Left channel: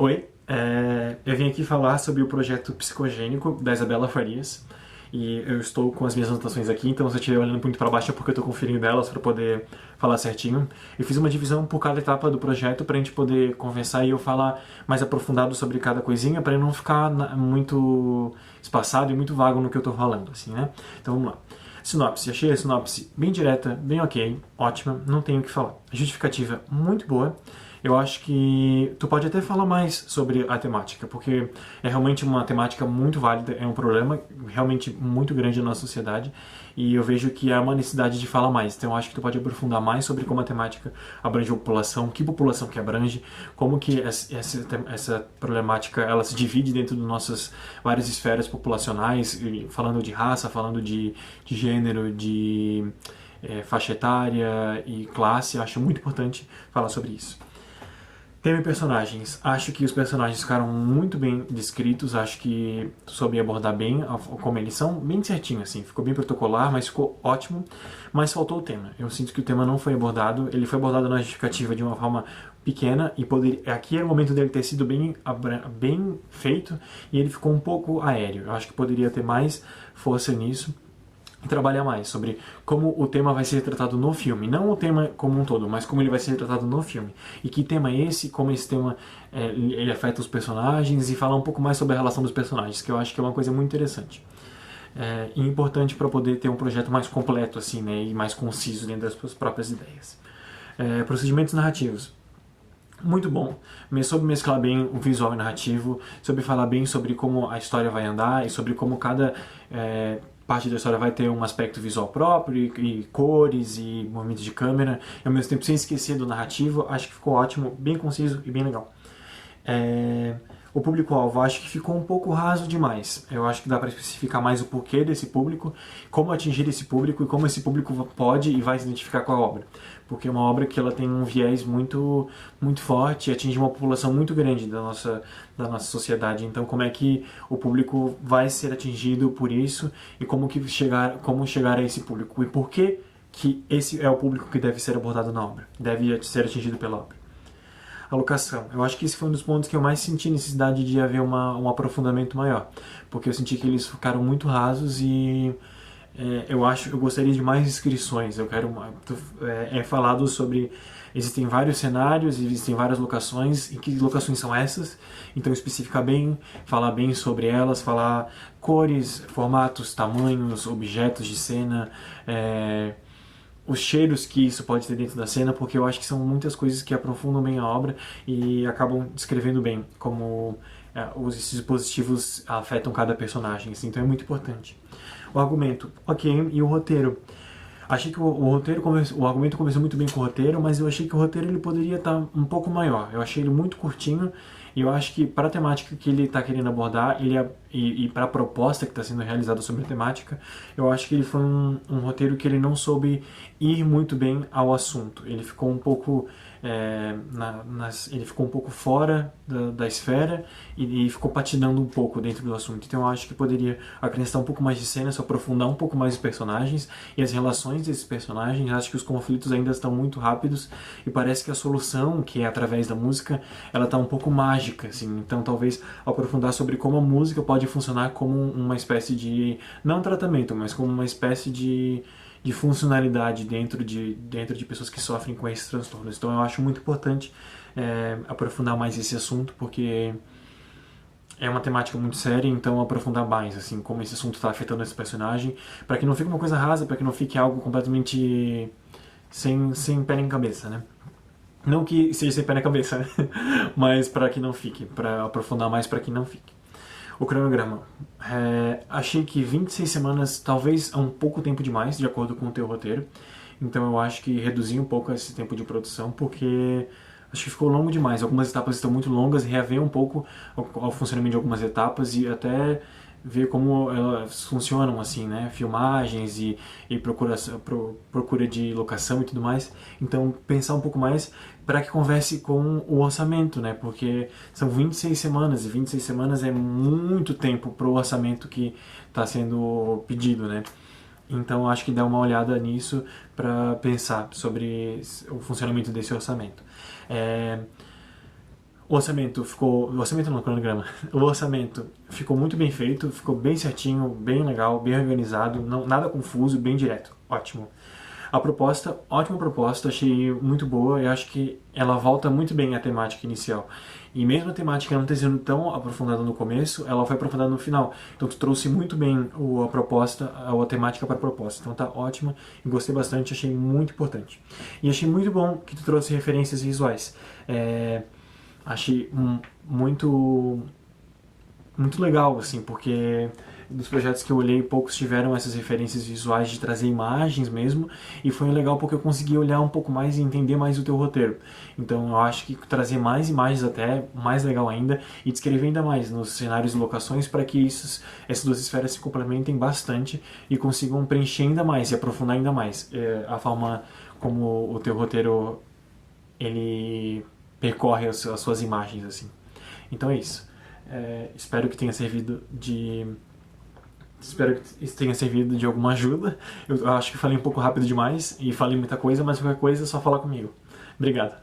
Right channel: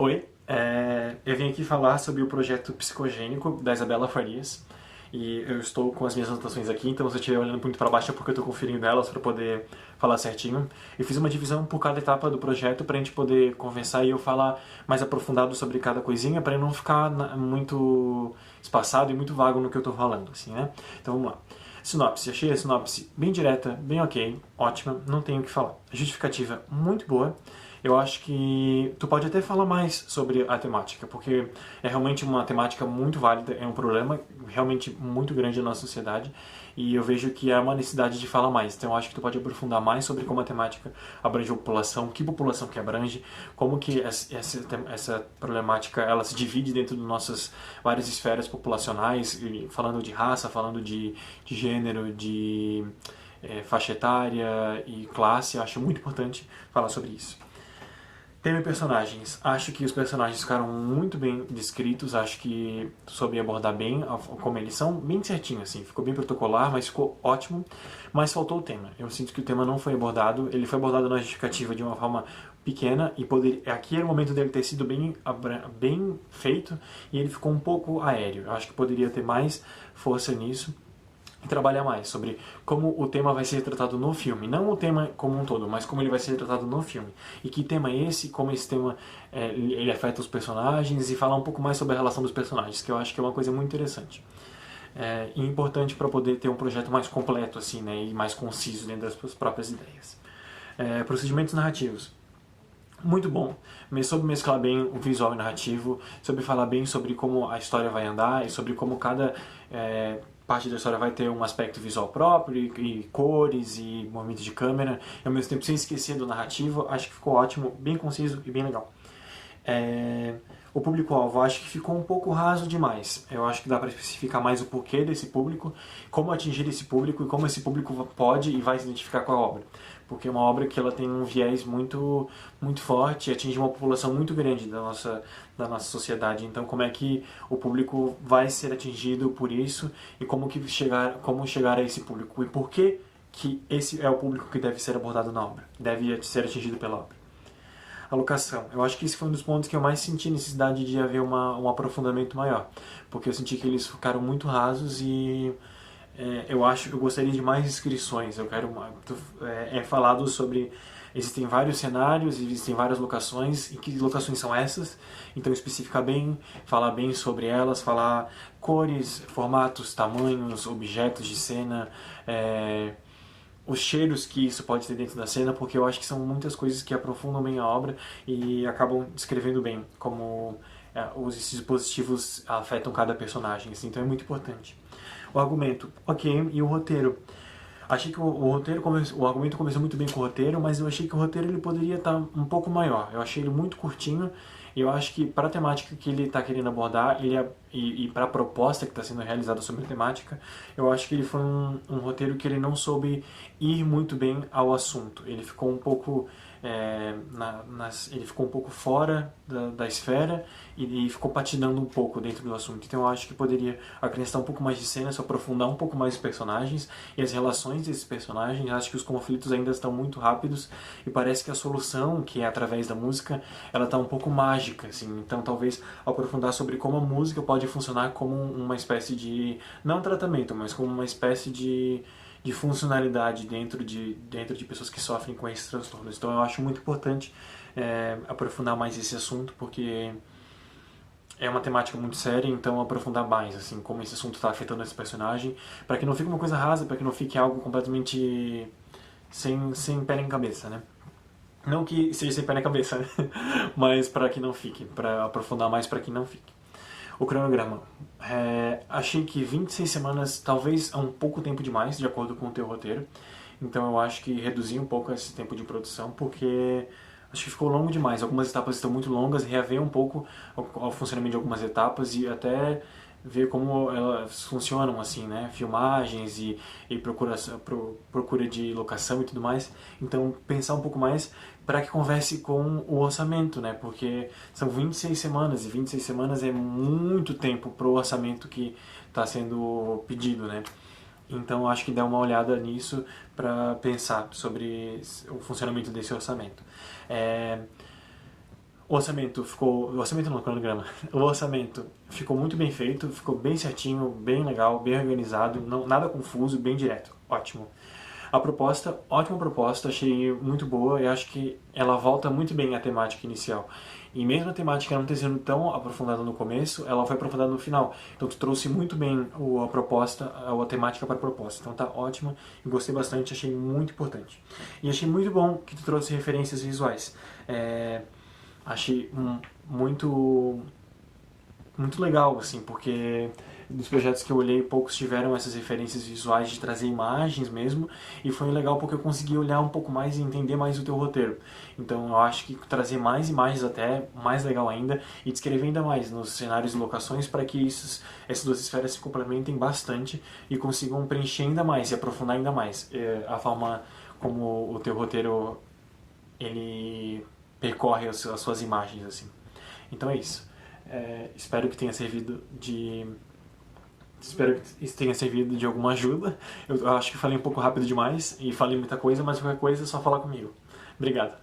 Oi, eu vim aqui falar sobre o projeto psicogênico da Isabela Farias e eu estou com as minhas anotações aqui, então se eu estiver olhando muito para baixo é porque eu estou conferindo elas para poder falar certinho. Eu fiz uma divisão por cada etapa do projeto para a gente poder conversar e eu falar mais aprofundado sobre cada coisinha para não ficar muito espaçado e muito vago no que eu estou falando, assim, né? Então vamos lá. Sinopse, achei a sinopse bem direta, bem ok, ótima, não tenho o que falar. A justificativa muito boa. Eu acho que tu pode até falar mais sobre a temática, porque é realmente uma temática muito válida, é um problema realmente muito grande na nossa sociedade e eu vejo que há uma necessidade de falar mais. Então eu acho que tu pode aprofundar mais sobre como a temática abrange a população, que população que abrange, como que essa problemática ela se divide dentro de nossas várias esferas populacionais, falando de raça, falando de gênero, de faixa etária e classe. Eu acho muito importante falar sobre isso. Tema e personagens. Acho que os personagens ficaram muito bem descritos, acho que soube abordar bem como eles são, bem certinho, assim. Ficou bem protocolar, mas ficou ótimo. Mas faltou o tema. Eu sinto que o tema não foi abordado, ele foi abordado na justificativa de uma forma pequena e aqui era o momento dele ter sido bem feito e ele ficou um pouco aéreo. Eu acho que poderia ter mais força nisso e trabalhar mais sobre como o tema vai ser tratado no filme, não o tema como um todo, mas como ele vai ser tratado no filme e que tema é esse, como esse tema ele afeta os personagens e falar um pouco mais sobre a relação dos personagens, que eu acho que é uma coisa muito interessante e importante para poder ter um projeto mais completo assim, né, e mais conciso dentro das suas próprias ideias. Procedimentos narrativos. Muito bom. Soube mesclar bem o visual e narrativo, soube falar bem sobre como a história vai andar e sobre como cada parte da história vai ter um aspecto visual próprio e cores e movimentos de câmera, e ao mesmo tempo sem esquecer do narrativo. Acho que ficou ótimo, bem conciso e bem legal. O público-alvo, acho que ficou um pouco raso demais. Eu acho que dá para especificar mais o porquê desse público, como atingir esse público e como esse público pode e vai se identificar com a obra. Porque é uma obra que ela tem um viés muito, muito forte e atinge uma população muito grande da nossa sociedade. Então, como é que o público vai ser atingido por isso e como chegar a esse público? E por que esse é o público que deve ser abordado na obra, deve ser atingido pela obra. Alocação. Eu acho que esse foi um dos pontos que eu mais senti necessidade de haver um aprofundamento maior, porque eu senti que eles ficaram muito rasos e eu gostaria de mais inscrições. Eu quero falado sobre existem vários cenários, existem várias locações e que locações são essas. Então especificar bem, falar bem sobre elas, falar cores, formatos, tamanhos, objetos de cena. Os cheiros que isso pode ter dentro da cena, porque eu acho que são muitas coisas que aprofundam bem a obra e acabam descrevendo bem como esses dispositivos afetam cada personagem, assim, então é muito importante. O argumento, ok, e o roteiro. Achei que o argumento começou muito bem com o roteiro, mas eu achei que o roteiro ele poderia estar um pouco maior. Eu achei ele muito curtinho e eu acho que para a temática que ele está querendo abordar e para a proposta que está sendo realizada sobre a temática, eu acho que ele foi um roteiro que ele não soube ir muito bem ao assunto. Ele ficou um pouco ele ficou um pouco fora da esfera e ficou patinando um pouco dentro do assunto. Então eu acho que poderia acrescentar um pouco mais de cena, se aprofundar um pouco mais os personagens e as relações desses personagens. Acho que os conflitos ainda estão muito rápidos e parece que a solução, que é através da música, ela está um pouco mágica, assim. Então talvez aprofundar sobre como a música pode funcionar como uma espécie de, não tratamento, mas como uma espécie de funcionalidade dentro de pessoas que sofrem com esses transtornos. Então eu acho muito importante aprofundar mais esse assunto, porque é uma temática muito séria, então aprofundar mais, assim, como esse assunto está afetando esse personagem, para que não fique uma coisa rasa, para que não fique algo completamente sem pé nem cabeça, né? Não que seja sem pé na cabeça, né? Mas para que não fique, para aprofundar mais para que não fique. O cronograma. Achei que 26 semanas talvez é um pouco tempo demais, de acordo com o teu roteiro. Então eu acho que reduzir um pouco esse tempo de produção, porque acho que ficou longo demais. Algumas etapas estão muito longas, reaver um pouco o funcionamento de algumas etapas e até ver como elas funcionam, assim, né? Filmagens e procura de locação e tudo mais. Então, pensar um pouco mais para que converse com o orçamento, né? Porque são 26 semanas e 26 semanas é muito tempo para o orçamento que está sendo pedido, né? Então, acho que dá uma olhada nisso para pensar sobre o funcionamento desse orçamento. O orçamento não, o cronograma. O orçamento ficou muito bem feito, ficou bem certinho, bem legal, bem organizado, não, nada confuso, bem direto. Ótimo. A proposta, ótima proposta, achei muito boa e acho que ela volta muito bem à temática inicial. E mesmo a temática não ter sido tão aprofundada no começo, ela foi aprofundada no final. Então tu trouxe muito bem a proposta, a temática para a proposta. Então tá ótimo, eu gostei bastante, achei muito importante. E achei muito bom que tu trouxe referências visuais. Achei muito muito legal, assim, porque dos projetos que eu olhei, poucos tiveram essas referências visuais de trazer imagens mesmo, e foi legal porque eu consegui olhar um pouco mais e entender mais o teu roteiro. Então eu acho que trazer mais imagens até, mais legal ainda, e descrever ainda mais nos cenários e locações para que essas duas esferas se complementem bastante e consigam preencher ainda mais e aprofundar ainda mais a forma como o teu roteiro ele percorre as suas imagens, assim. Então é isso. Espero que tenha servido de Espero que isso tenha servido de alguma ajuda. Eu acho que falei um pouco rápido demais e falei muita coisa, mas qualquer coisa é só falar comigo. Obrigado.